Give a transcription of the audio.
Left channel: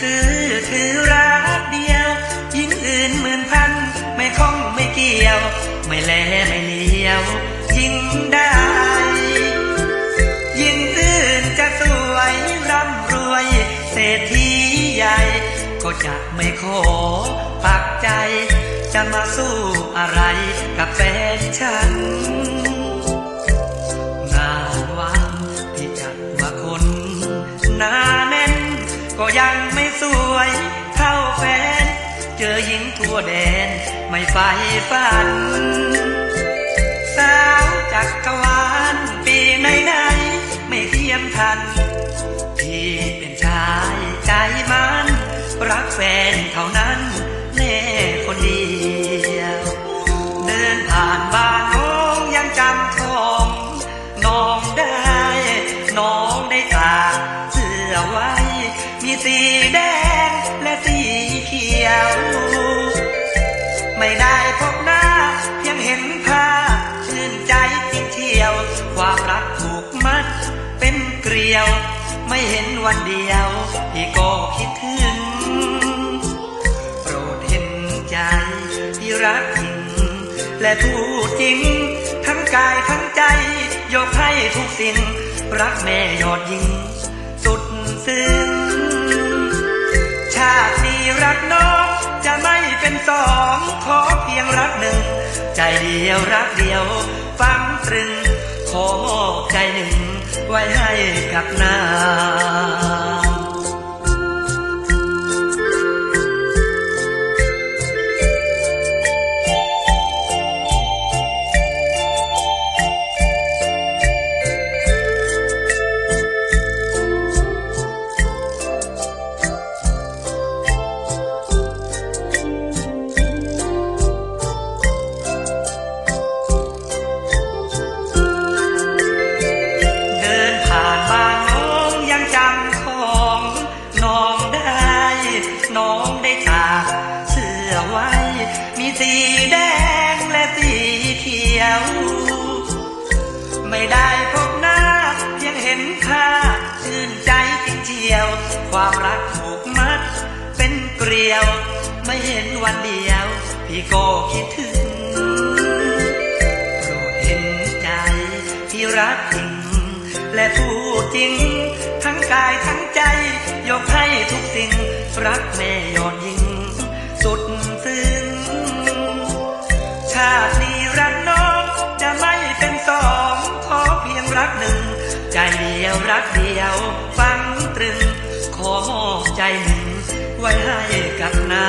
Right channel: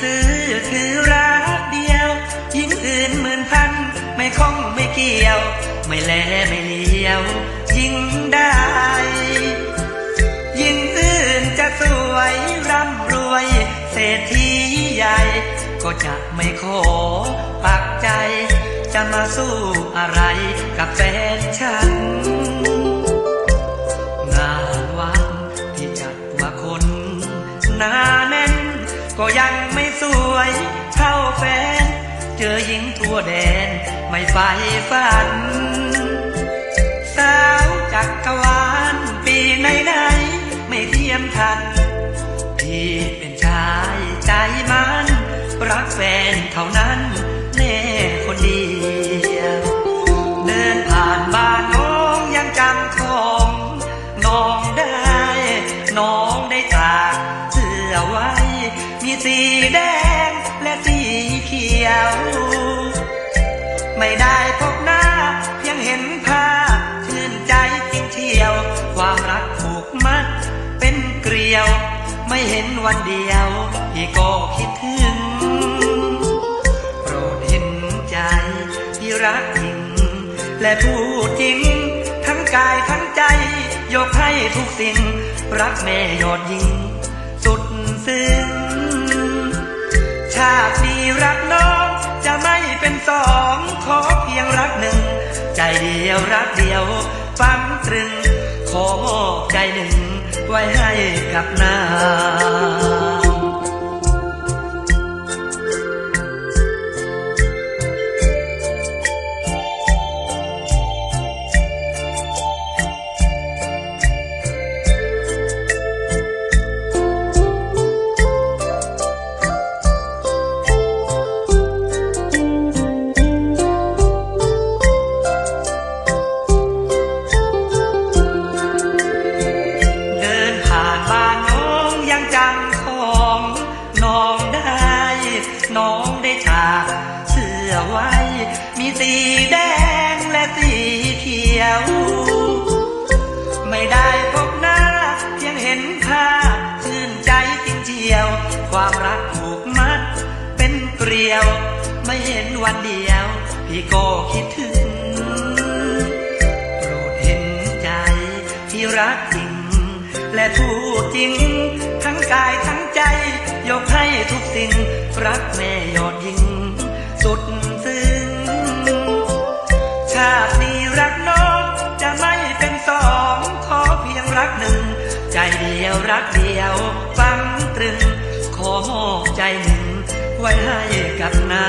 ซื้อคือรักเดียว ยิ่งอื่นหมื่นพัน ไม่คล้องไม่เกี่ยว ไม่แลไม่เลียว ยิ่งได้ ยิ่งอื่นจะสวยร่ำรวย เศรษฐีใหญ่ ก็จะไม่ขอปักใจ จะมาสู้อะไรกับแฟนฉัน ก็ยังไม่สวยเท่าแฟน เจอหญิงทั่วแดนไม่ไฟฝัน สาวจักรวาลปีไหนไหนไม่เทียมทัน ที่เป็นชายใจมัน รักแฟนเท่านั้นแน่คนเดียวเดินผ่านบ้านน้องยังจำของน้องได้ น้องได้กา สีแดงและสีเขียว ไม่ได้พบหน้ายังเห็นภาพชื่นใจจริงเที่ยว ความรักผูกมัดเป็นเกลียว ไม่เห็นวันเดียวพี่ก็คิดถึง โปรดเห็นใจที่รักจริงและพูดจริง ทั้งกายทั้งใจ ยกให้ทุกสิ่ง รักแม่ยอดยิง สุดซึ้ง ชาตินี้รักน้อง จะไม่เป็นสองขอเพียงรักหนึ่ง ใจเดียวรักเดียว ฟังตรึง ขอมอบใจหนึ่ง ไว้ให้กับนา ได้ตากเสื้อไว้ มีสีแดงและสีเขียว ไม่ได้พบหน้า ยังเห็นค่าชื่นใจจริงเจียว ความรักผูกมัด เป็นเกลียว ไม่เห็นวันเดียว พี่ก็คิดถึงโปรดเห็นใจที่รักจริง และพูดจริง ทั้งกายทั้งใจ ยกให้ทุกสิ่ง รักแม่ยอดยิ่ง สุดซึ้งชาตินี้รักน้อง จะไม่เป็นสองขอเพียงรักหนึ่ง ใจเดียวรักเดียว ฟังตรึง ขอมอบใจหนึ่ง ไว้ให้กับนา